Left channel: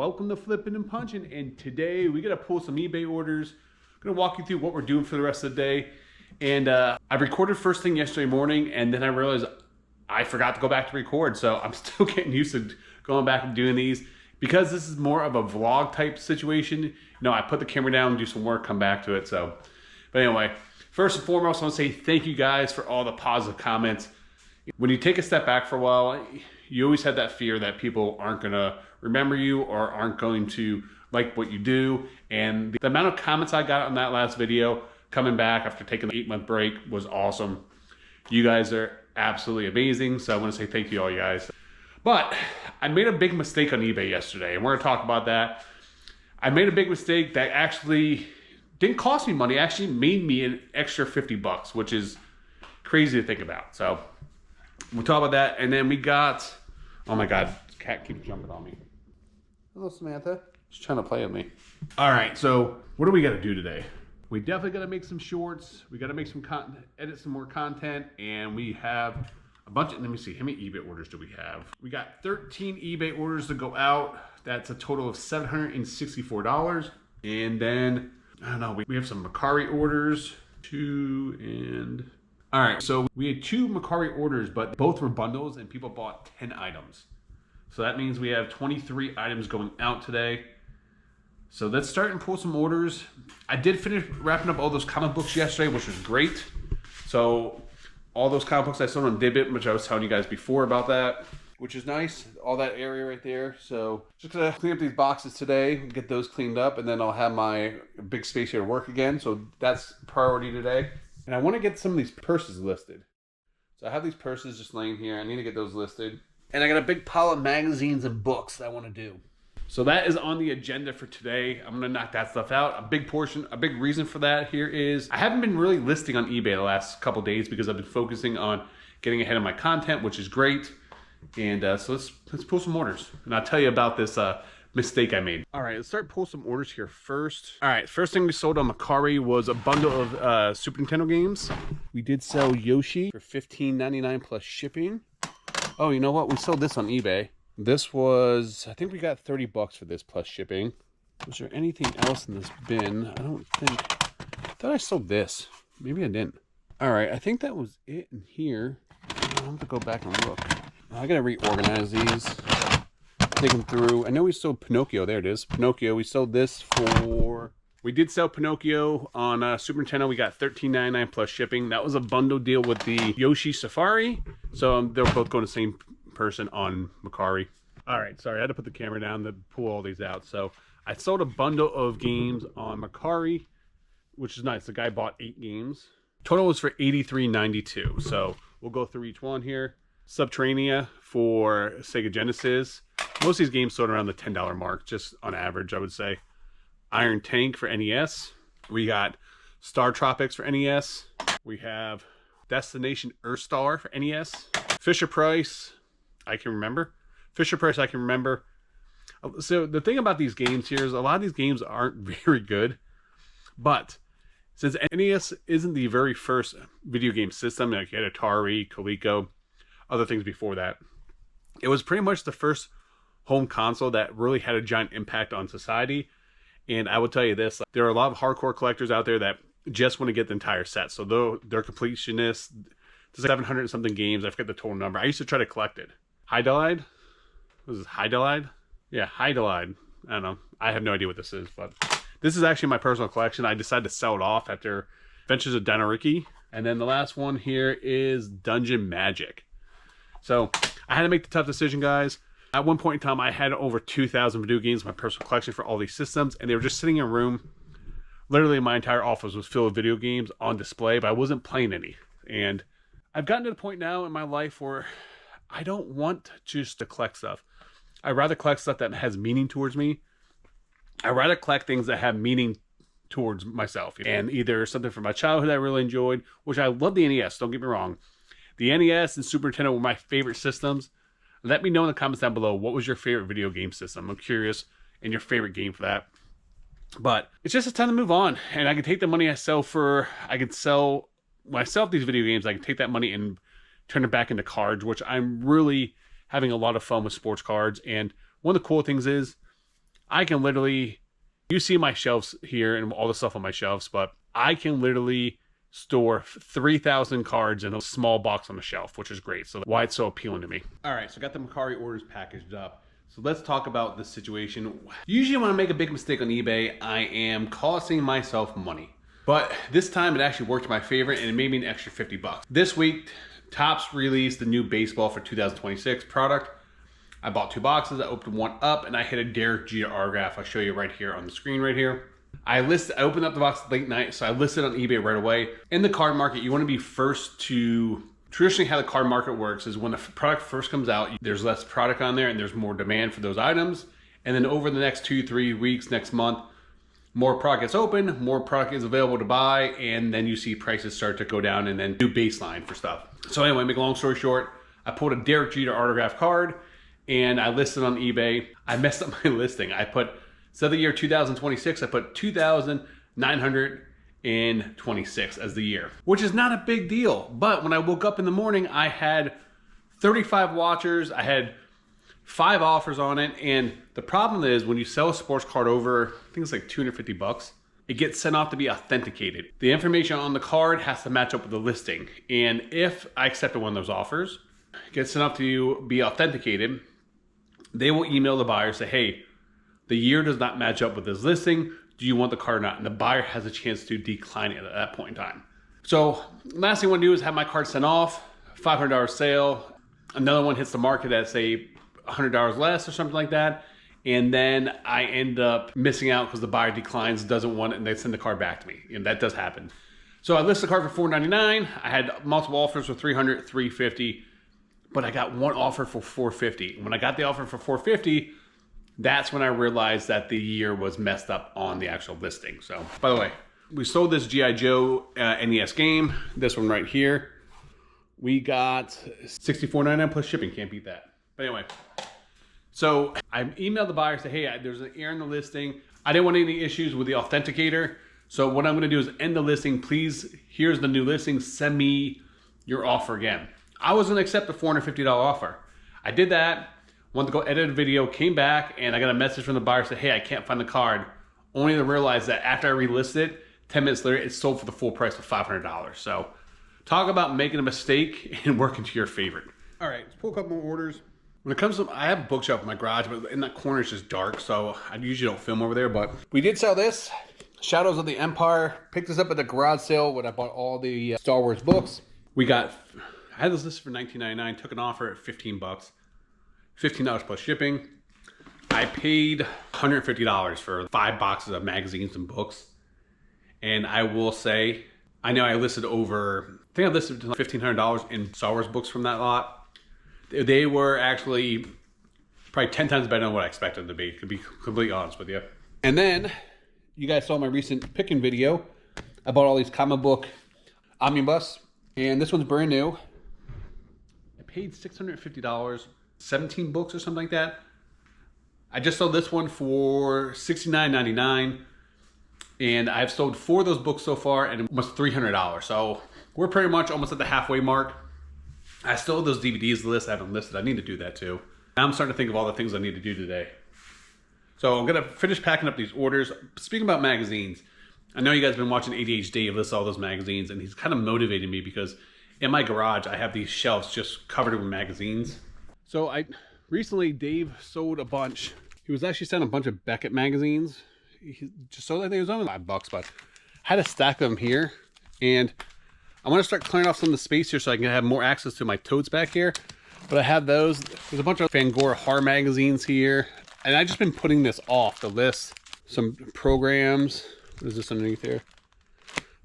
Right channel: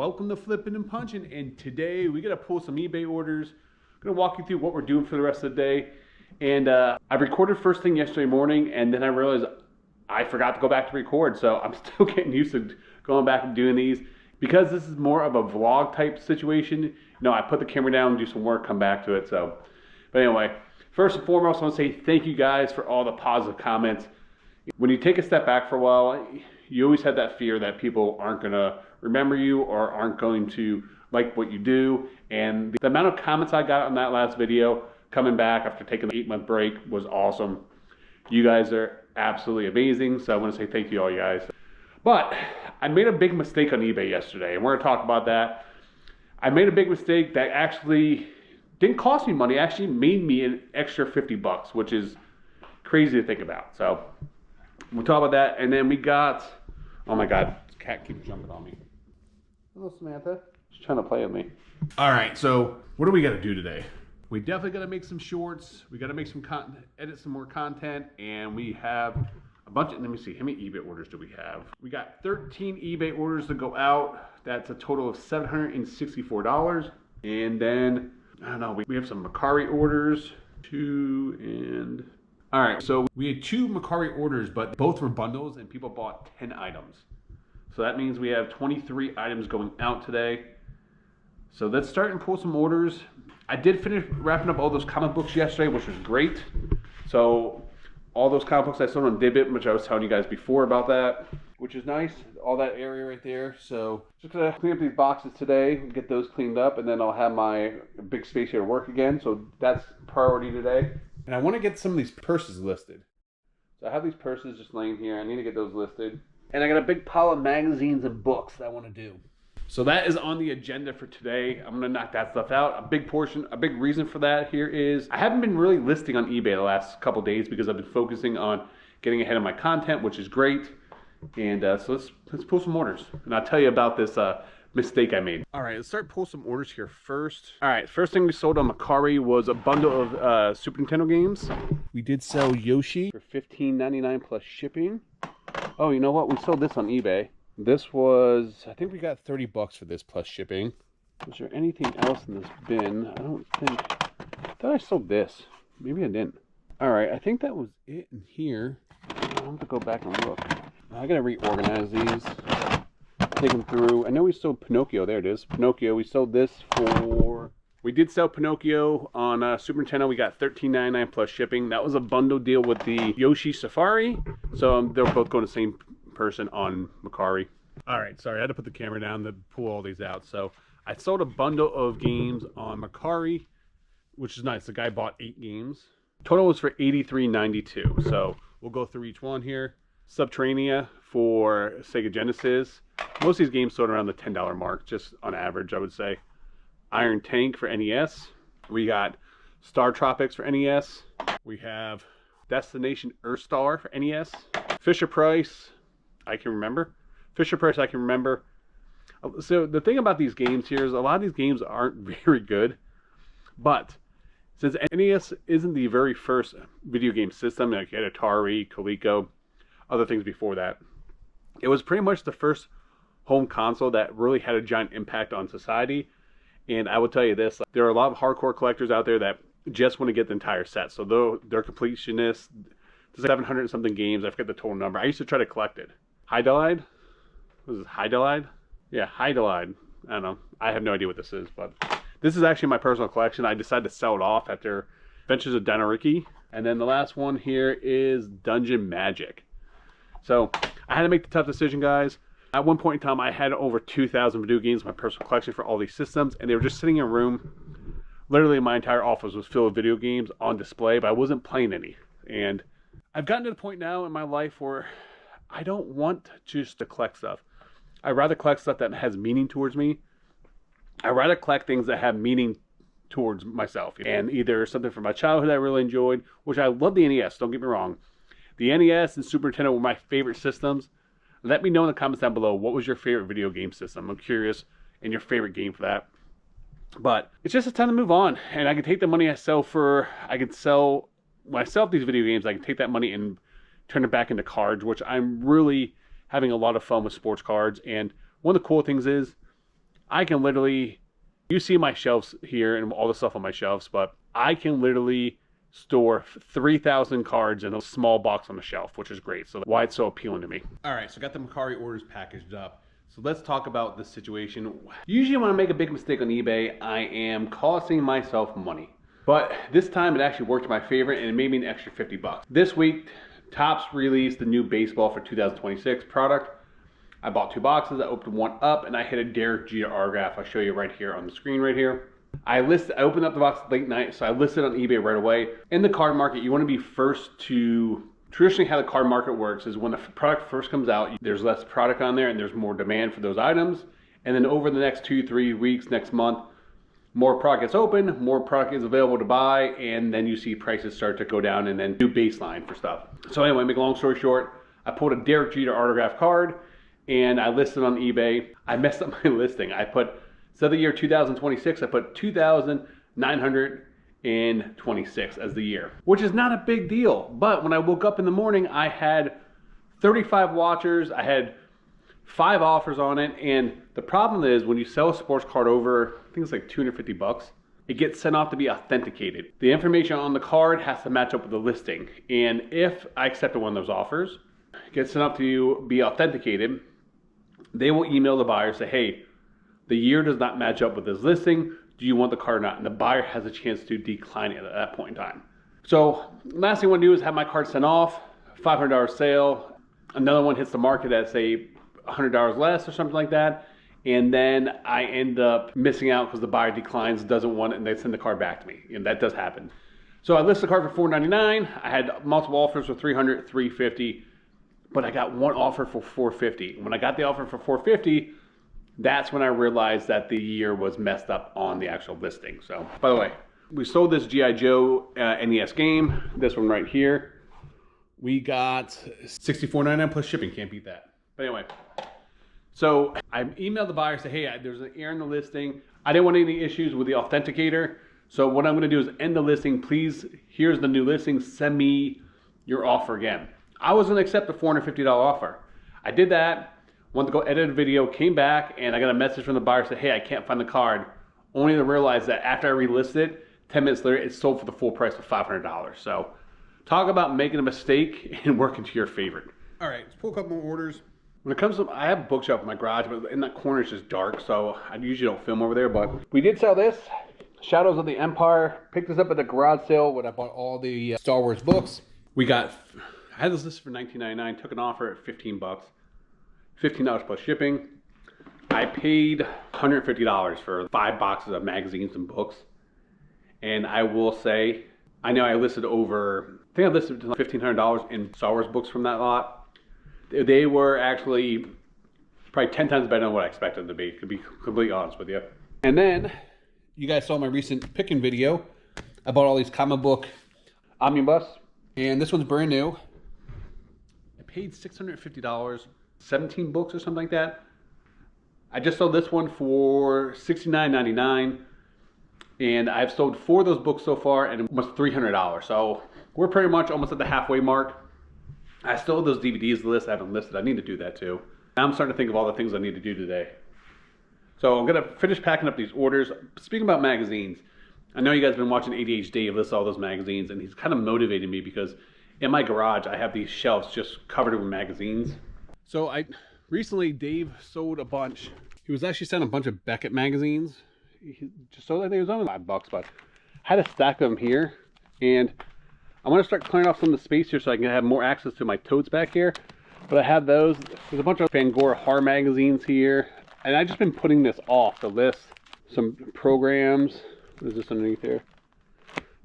welcome to Flipping and Punching, and today we gotta pull some eBay orders. I'm gonna walk you through what we're doing for the rest of the day. And I recorded first thing yesterday morning, and then I realized I forgot to go back to record, so I'm still getting used to going back and doing these. Because this is more of a vlog type situation, you know, I put the camera down, do some work, come back to it. So, but anyway, first and foremost, I want to say thank you guys for all the positive comments. When you take a step back for a while, you always have that fear that people aren't gonna remember you or aren't going to like what you do. And the amount of comments I got on that last video coming back after taking the 8-month break was awesome. You guys are absolutely amazing. So I want to say thank you all, you guys. But I made a big mistake on eBay yesterday, and we're gonna talk about that. I made a big mistake that actually didn't cost me money, actually made me an extra 50 bucks, which is crazy to think about. So we'll talk about that. And then we got, oh my God, this cat keeps jumping on me. Hello, Samantha. She's trying to play with me. All right, so what do we gotta do today? We definitely gotta make some shorts. We gotta make some content, edit some more content, and we have a bunch of, let me see, how many eBay orders do we have? We got 13 eBay orders to go out. That's a total of $764. And then, I don't know, we have some Macari orders, all right, so we had 2 Macari orders, but both were bundles and people bought 10 items. So that means we have 23 items going out today. So let's start and pull some orders. I did finish wrapping up all those comic books yesterday, which was great. So all those comic books I sold on Dibbit, which I was telling you guys before about that, which is nice. All that area right there. So just gonna clean up these boxes today and get those cleaned up, and then I'll have my big space here to work again. So that's priority today. And I want to get some of these purses listed. So I have these purses just laying here. I need to get those listed. And I got a big pile of magazines and books that I want to do. So that is on the agenda for today. I'm gonna knock that stuff out. A big portion, a big reason for that here is I haven't been really listing on eBay the last couple days because I've been focusing on getting ahead of my content, which is great. And so let's pull some orders. And I'll tell you about this mistake I made. All right, let's start pull some orders here first. All right, first thing we sold on Macari was a bundle of Super Nintendo games. We did sell Yoshi for $15.99 plus shipping. Oh, you know what? We sold this on eBay. This was, I think we got 30 bucks for this plus shipping. Was there anything else in this bin? I don't think. I thought I sold this. Maybe I didn't. All right, I think that was it in here. I'll have to go back and look. I gotta reorganize these. Take them through. I know we sold Pinocchio. There it is. Pinocchio. We sold this for. We did sell Pinocchio on Super Nintendo. We got $13.99 plus shipping. That was a bundle deal with the Yoshi Safari. So they're both going to the same person on Macari. All right, sorry, I had to put the camera down to pull all these out. So I sold a bundle of games on Macari, which is nice. The guy bought 8 games. Total was for $83.92. So we'll go through each one here. Subterranea for Sega Genesis. Most of these games sold around the $10 mark, just on average, I would say. Iron Tank for NES. We got Star Tropics for NES. We have Destination Earthstar for NES. Fisher Price, I can remember. Fisher Price, I can remember. So the thing about these games here is a lot of these games aren't very good. But since NES isn't the very first video game system, like you had Atari, Coleco, other things before that, it was pretty much the first home console that really had a giant impact on society. And I will tell you this, there are a lot of hardcore collectors out there that just want to get the entire set. So they're completionists. There's 700 and something games. I forget the total number. I used to try to collect it. Hydalide? What is this, Hydalide? Yeah, Hydalide. I don't know. I have no idea what this is, but this is actually my personal collection. I decided to sell it off after Adventures of Danariki. And then the last one here is Dungeon Magic. So I had to make the tough decision, guys. At one point in time, I had over 2,000 video games in my personal collection for all these systems, and they were just sitting in a room. Literally, my entire office was filled with video games on display, but I wasn't playing any. And I've gotten to the point now in my life where I don't want just to collect stuff. I'd rather collect stuff that has meaning towards me. I'd rather collect things that have meaning towards myself. And either something from my childhood I really enjoyed, which I love the NES, don't get me wrong. The NES and Super Nintendo were my favorite systems. Let me know in the comments down below, what was your favorite video game system? I'm curious, and your favorite game for that. But it's just a time to move on. And I can take the money I sell for, I can sell myself these video games. I can take that money and turn it back into cards, which I'm really having a lot of fun with sports cards. And one of the cool things is I can literally, you see my shelves here and all the stuff on my shelves, but I can literally store 3,000 cards in a small box on the shelf, which is great. So why it's so appealing to me. All right, so I got the Mercari orders packaged up. So let's talk about this situation. Usually when I make a big mistake on eBay, I am costing myself money. But this time it actually worked in my favor and it made me an extra 50 bucks. This week, Topps released the new baseball for 2026 product. I bought 2 boxes, I opened one up, and I hit a Derek Jeter autograph. I'll show you right here on the screen right here. I opened up the box late night, so I listed on eBay right away. In the card market, you want to be first to, traditionally how the card market works is when the product first comes out, there's less product on there and there's more demand for those items. And then over the next 2-3 weeks, next month, more product gets open, more product is available to buy, and then you see prices start to go down and then do baseline for stuff. So anyway, make a long story short, I pulled a Derek Jeter autograph card, and I listed on eBay. I messed up my listing. I put, instead of the year 2026, I put 2,926 as the year, which is not a big deal. But when I woke up in the morning, I had 35 watchers. I had 5 offers on it. And the problem is when you sell a sports card over, I think it's like 250 bucks, it gets sent off to be authenticated. The information on the card has to match up with the listing. And if I accepted one of those offers, it gets sent off to be authenticated, they will email the buyer, say, hey, the year does not match up with this listing. Do you want the card or not? And the buyer has a chance to decline it at that point in time. So last thing I want to do is have my card sent off, $500 sale. Another one hits the market at say $100 less or something like that. And then I end up missing out because the buyer declines, doesn't want it, and they send the card back to me. And that does happen. So I list the card for $499. I had multiple offers for $300, $350. But I got one offer for $450. When I got the offer for $450, that's when I realized that the year was messed up on the actual listing. So, by the way, we sold this G.I. Joe NES game, this one right here. We got $64.99 plus shipping, can't beat that. But anyway, so I emailed the buyer, say, hey, there's an error in the listing. I didn't want any issues with the authenticator. So what I'm gonna do is end the listing. Please, here's the new listing, send me your offer again. I was gonna accept the $450 offer. I did that, wanted to go edit a video, came back, and I got a message from the buyer, said, hey, I can't find the card. Only to realize that after I relisted it, 10 minutes later, it sold for the full price of $500. So talk about making a mistake and working to your favorite. All right, let's pull a couple more orders. When it comes to, I have a bookshelf in my garage, but in that corner it's just dark, so I usually don't film over there, but we did sell this, Shadows of the Empire. Picked this up at the garage sale when I bought all the Star Wars books. I had this listed for $19.99, took an offer at 15 bucks, $15 plus shipping. I paid $150 for 5 boxes of magazines and books. And I will say, I know I listed over, I think I listed $1,500 in Star Wars books from that lot. They were actually probably 10 times better than what I expected them to be completely honest with you. And then, you guys saw my recent picking video. I bought all these comic book omnibus, and this one's brand new. I paid $650, 17 books or something like that. I just sold this one for $69.99, and I've sold 4 of those books so far and almost $300. So we're pretty much almost at the halfway mark. I still have those DVDs list I haven't listed. I need to do that too. Now I'm starting to think of all the things I need to do today. So I'm gonna finish packing up these orders. Speaking about magazines, I know you guys have been watching ADHD list all those magazines, and he's kind of motivated me because in my garage I have these shelves just covered with magazines. So recently Dave sold a bunch. He was actually selling a bunch of Beckett magazines. He just sold, I think it was only $5, but I had a stack of them here, and I want to start clearing off some of the space here so I can have more access to my totes back here. But I have those. There's a bunch of Fangoria horror magazines here, and I've just been putting this off the list. Some programs. What is this underneath here?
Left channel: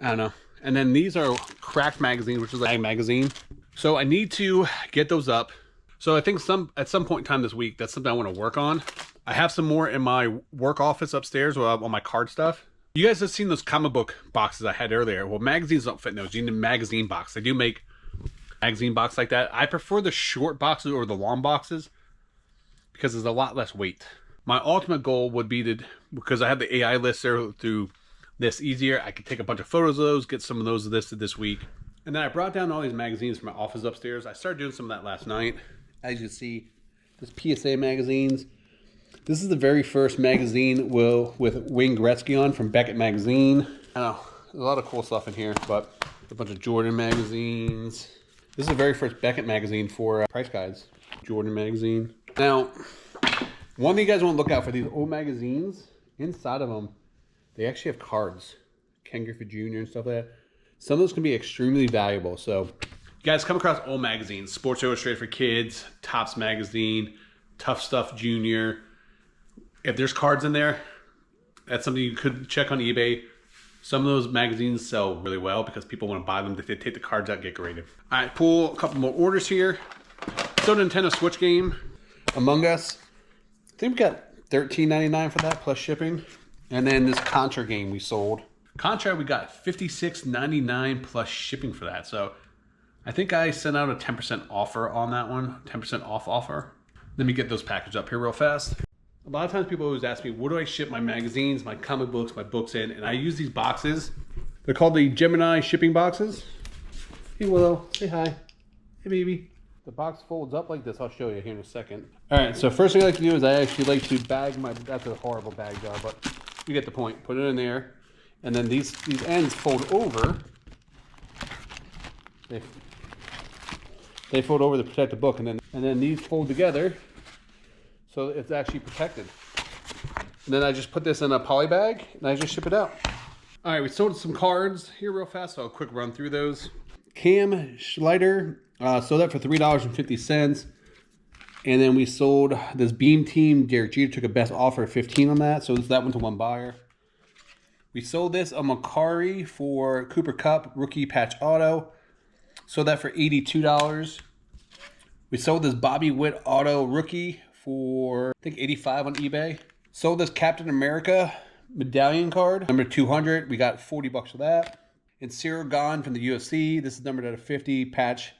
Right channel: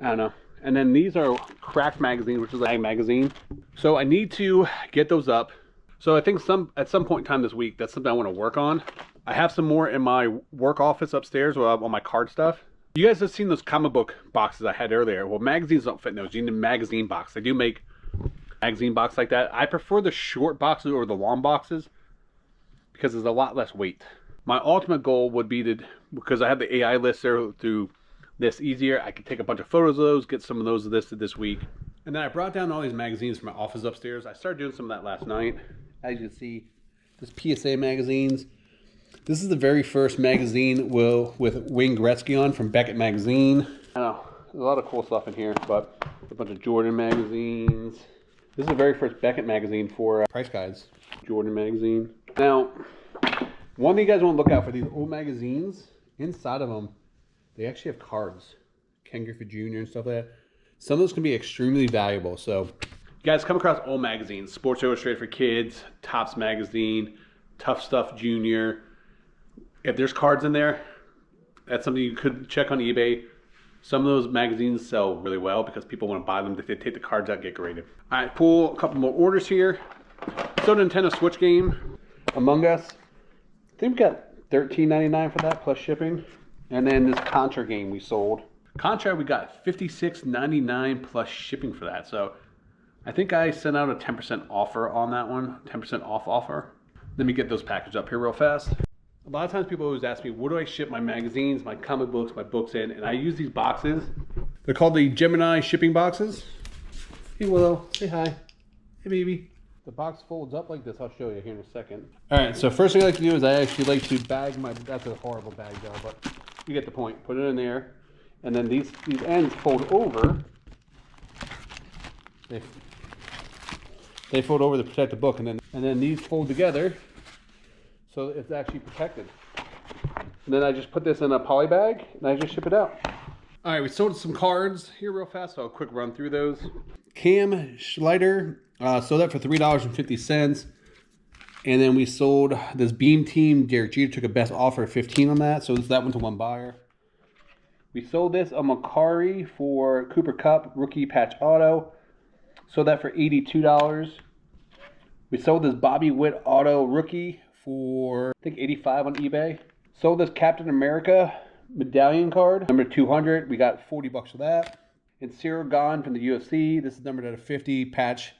I don't know. And then these are Cracked magazines, which is a mag magazine. So I need to get those up. So I think at some point in time this week, that's something I want to work on. I have some more in my work office upstairs where I have all my card stuff. You guys have seen those comic book boxes I had earlier. Well, magazines don't fit in those. You need a magazine box. They do make magazine box like that. I prefer the short boxes over the long boxes because there's a lot less weight. My ultimate goal would be to, because I have the AI lister through this easier, I could take a bunch of photos of those, get some of those listed this week. And then I brought down all these magazines from my office upstairs. I started doing some of that last night. As you can see, this PSA magazines. This is the very first magazine with Wayne Gretzky on from Beckett Magazine. I know, there's a lot of cool stuff in here, but a bunch of Jordan magazines. This is the very first Beckett magazine for price guides. Jordan magazine. Now, one thing you guys want to look out for these old magazines, inside of them, they actually have cards. Ken Griffey Jr. and stuff like that. Some of those can be extremely valuable. So, you guys come across old magazines, Sports Illustrated for Kids, Topps Magazine, Tough Stuff Junior. If there's cards in there, that's something you could check on eBay. Some of those magazines sell really well because people want to buy them. If they take the cards out, get graded. All right, pull a couple more orders here. So Nintendo Switch game, Among Us. I think we got $13.99 for that plus shipping. And then this Contra game we sold. Contra, we got $56.99 plus shipping for that. So I think I sent out a 10% offer on that one, 10% off offer. Let me get those packaged up here real fast. A lot of times people always ask me, where do I ship my magazines, my comic books, my books in? And I use these boxes. They're called the Gemini shipping boxes. Hey Willow, say hi. Hey baby. The box folds up like this. I'll show you here in a second. All right, so first thing I like to do is I actually like to bag my, that's a horrible bag job, but you get the point. Put it in there. And then these ends fold over. They fold over to protect the book, and then these fold together. So it's actually protected. And then I just put this in a poly bag and I just ship it out. All right, we sold some cards here real fast, so I'll quick run through those. Cam Schleider sold that for $3.50. And then we sold this Beam Team. Derek Jeter took a best offer of $15 on that, so that went to one buyer. We sold this a Macari for Cooper Cup rookie patch auto. Sold that for $82. We sold this Bobby Witt auto rookie for, I think, $85 on eBay. Sold this Captain America medallion card, number 200. We got $40 for that. And Cyril Gahn from the UFC. This is numbered at a 50 patch.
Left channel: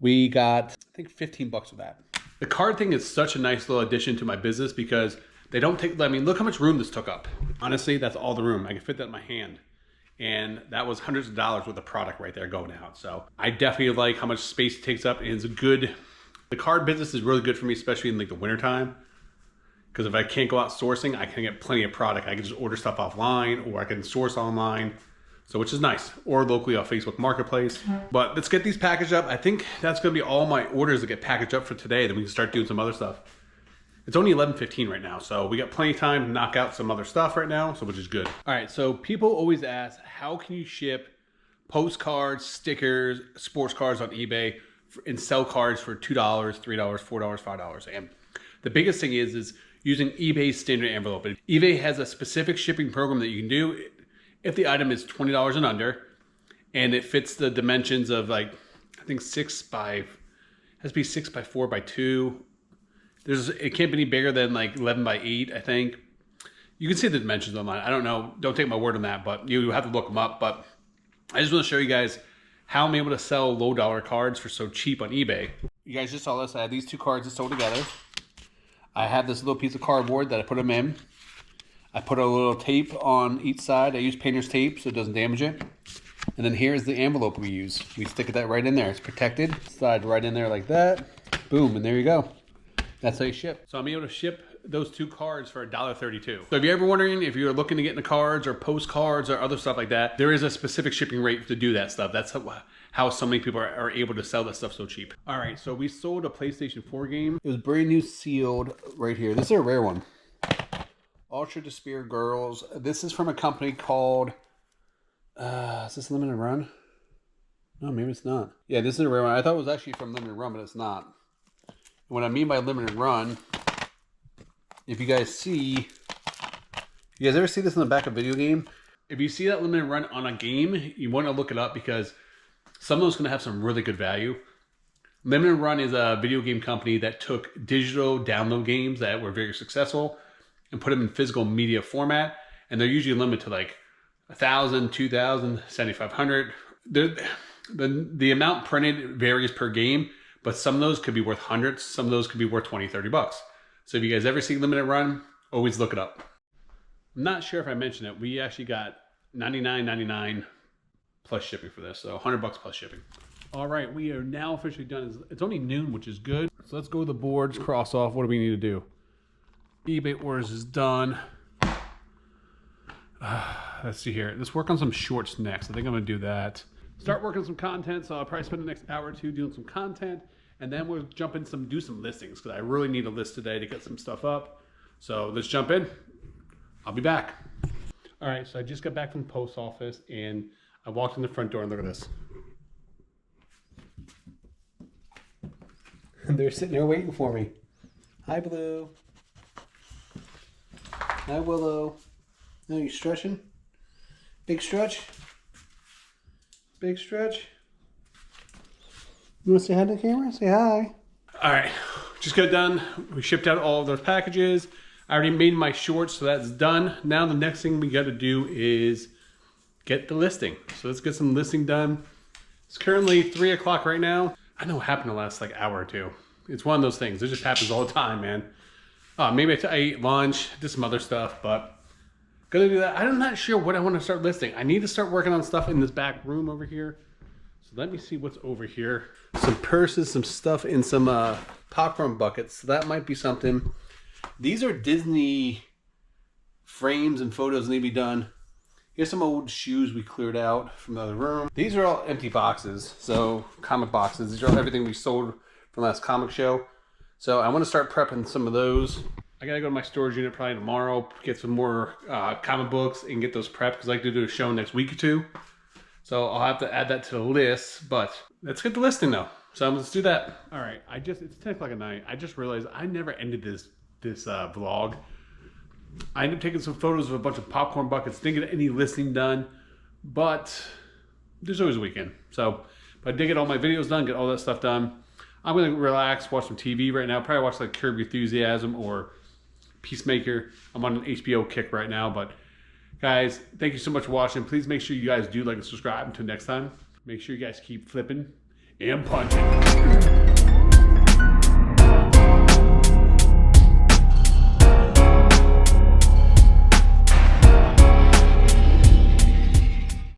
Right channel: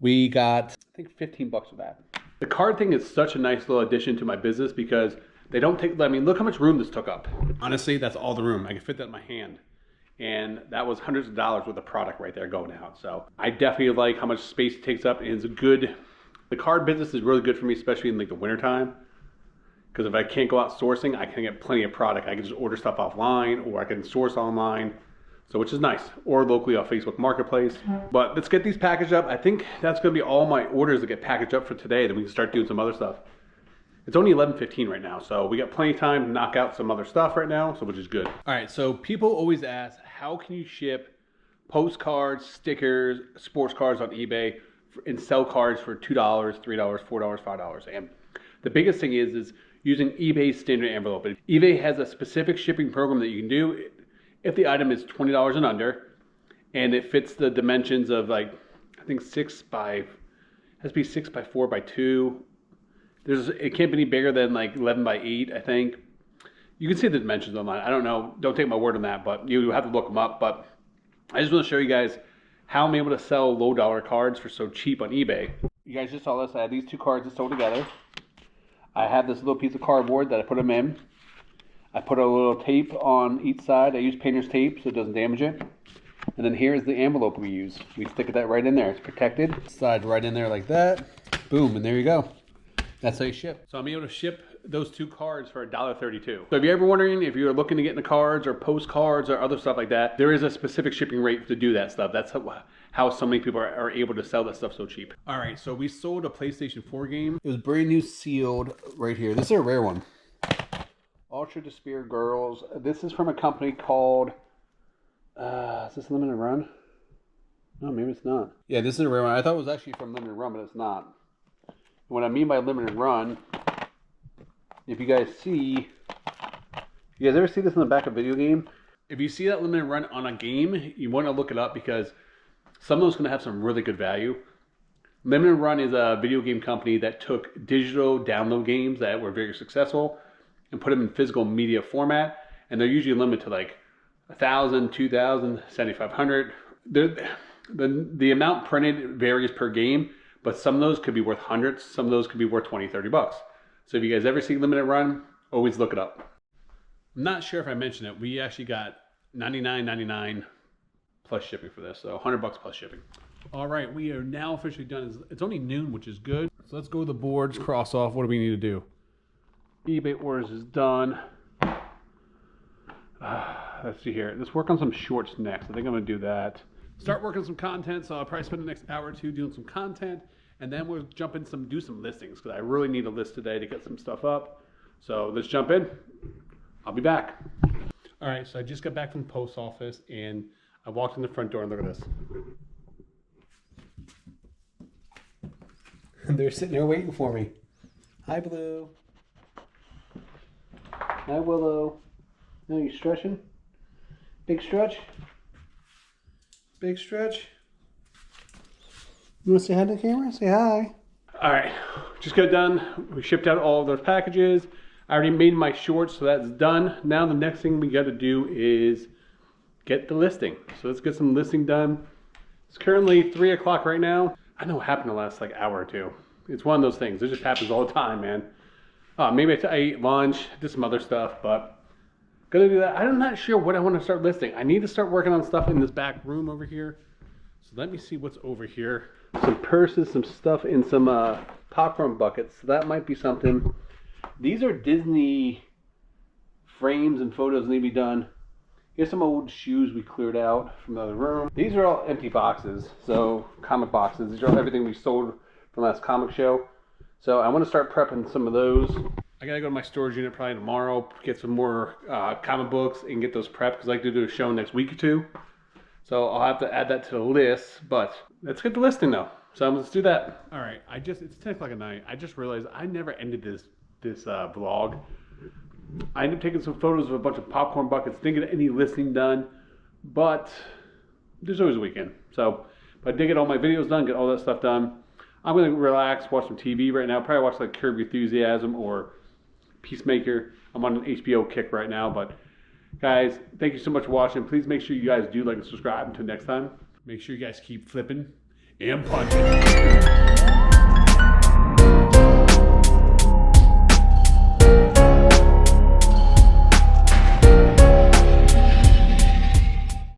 We got, I think, $15 for that. The card thing is such a nice little addition to my business because they don't take, I mean, look how much room this took up. Honestly, that's all the room. I can fit that in my hand. And that was hundreds of dollars worth of product right there going out. So I definitely like how much space it takes up. And it's a good, the card business is really good for me, especially in like the wintertime. Because if I can't go out sourcing, I can get plenty of product. I can just order stuff offline, or I can source online. So which is nice. Or locally on Facebook Marketplace. But let's get these packaged up. I think that's going to be all my orders that get packaged up for today. Then we can start doing some other stuff. It's only 11:15 right now, so we got plenty of time to knock out some other stuff right now, so which is good. All right, so people always ask, how can you ship postcards, stickers, sports cards on eBay and sell cards for $2, $3, $4, $5? And the biggest thing is using eBay's standard envelope. eBay has a specific shipping program that you can do if the item is $20 and under, and it fits the dimensions of, like, I think 6 by, has to be 6 by 4 by 2. It can't be any bigger than like 11 by 8, I think. You can see the dimensions online. I don't know. Don't take my word on that, but you have to look them up. But I just want to show you guys how I'm able to sell low dollar cards for so cheap on eBay. You guys just saw this. I had these two cards that sold together. I have this little piece of cardboard that I put them in. I put a little tape on each side. I use painter's tape so it doesn't damage it. And then here's the envelope we use. We stick that right in there. It's protected. Slide right in there like that. Boom, and there you go. That's how you ship. So I'm able to ship those two cards for $1.32. So if you're ever wondering if you're looking to get into cards or postcards or other stuff like that, there is a specific shipping rate to do that stuff. That's how so many people are able to sell that stuff so cheap. All right, so we sold a PlayStation 4 game. It was brand new sealed right here. This is a rare one. Ultra Despair Girls. This is from a company called, is this Limited Run? No, maybe it's not. Yeah, this is a rare one. I thought it was actually from Limited Run, but it's not. What I mean by limited run, if you guys see, you guys ever see this in the back of a video game? If you see that limited run on a game, you want to look it up because some of those going to have some really good value. Limited Run is a video game company that took digital download games that were very successful and put them in physical media format, and they're usually limited to like 1,000, 2,000, 7,500. The amount printed varies per game. But some of those could be worth hundreds. Some of those could be worth 20, 30 bucks. So if you guys ever see Limited Run, always look it up. I'm not sure if I mentioned it. We actually got $99.99 plus shipping for this. So 100 bucks plus shipping. All right, we are now officially done. It's only noon, which is good. So let's go to the boards, cross off. What do we need to do? eBay orders is done. Let's see here. Let's work on some shorts next. I think I'm gonna do that. Start working some content, so I'll probably spend the next hour or two doing some content, and then we'll jump in do some listings, because I really need a list today to get some stuff up. So let's jump in. I'll be back. All right, so I just got back from the post office, and I walked in the front door, and look at this. They're sitting there waiting for me. Hi, Blue. Hi, Willow. No, you stretching? Big stretch? Big stretch? You want to say hi to the camera? Say hi. All right, just got done. We shipped out all of those packages. I already made my shorts, so that's done. Now the next thing we got to do is get the listing. So let's get some listing done. It's currently 3 o'clock right now. I know what happened the last like hour or two. It's one of those things. It just happens all the time, man. Maybe I ate lunch, did some other stuff, but gonna do that. I'm not sure what I want to start listing. I need to start working on stuff in this back room over here. So let me see what's over here. Some purses, some stuff in some popcorn buckets. So that might be something. These are Disney frames and photos need to be done. Here's some old shoes we cleared out from the other room. These are all empty boxes, so comic boxes. These are everything we sold from last comic show. So I want to start prepping some of those. I gotta go to my storage unit probably tomorrow, get some more comic books and get those prepped, because I like to do a show next week or two. So I'll have to add that to the list, but let's get the listing though. So let's do that. All right, it's 10 o'clock at night. I just realized I never ended this vlog. I ended up taking some photos of a bunch of popcorn buckets, didn't get any listing done, but there's always a weekend. So if I did get all my videos done, get all that stuff done, I'm gonna relax, watch some TV right now. Probably watch like Curb Your Enthusiasm or Peacemaker. I'm on an HBO kick right now, but guys, thank you so much for watching. Please make sure you guys do like and subscribe. Until next time, make sure you guys keep flipping and punching.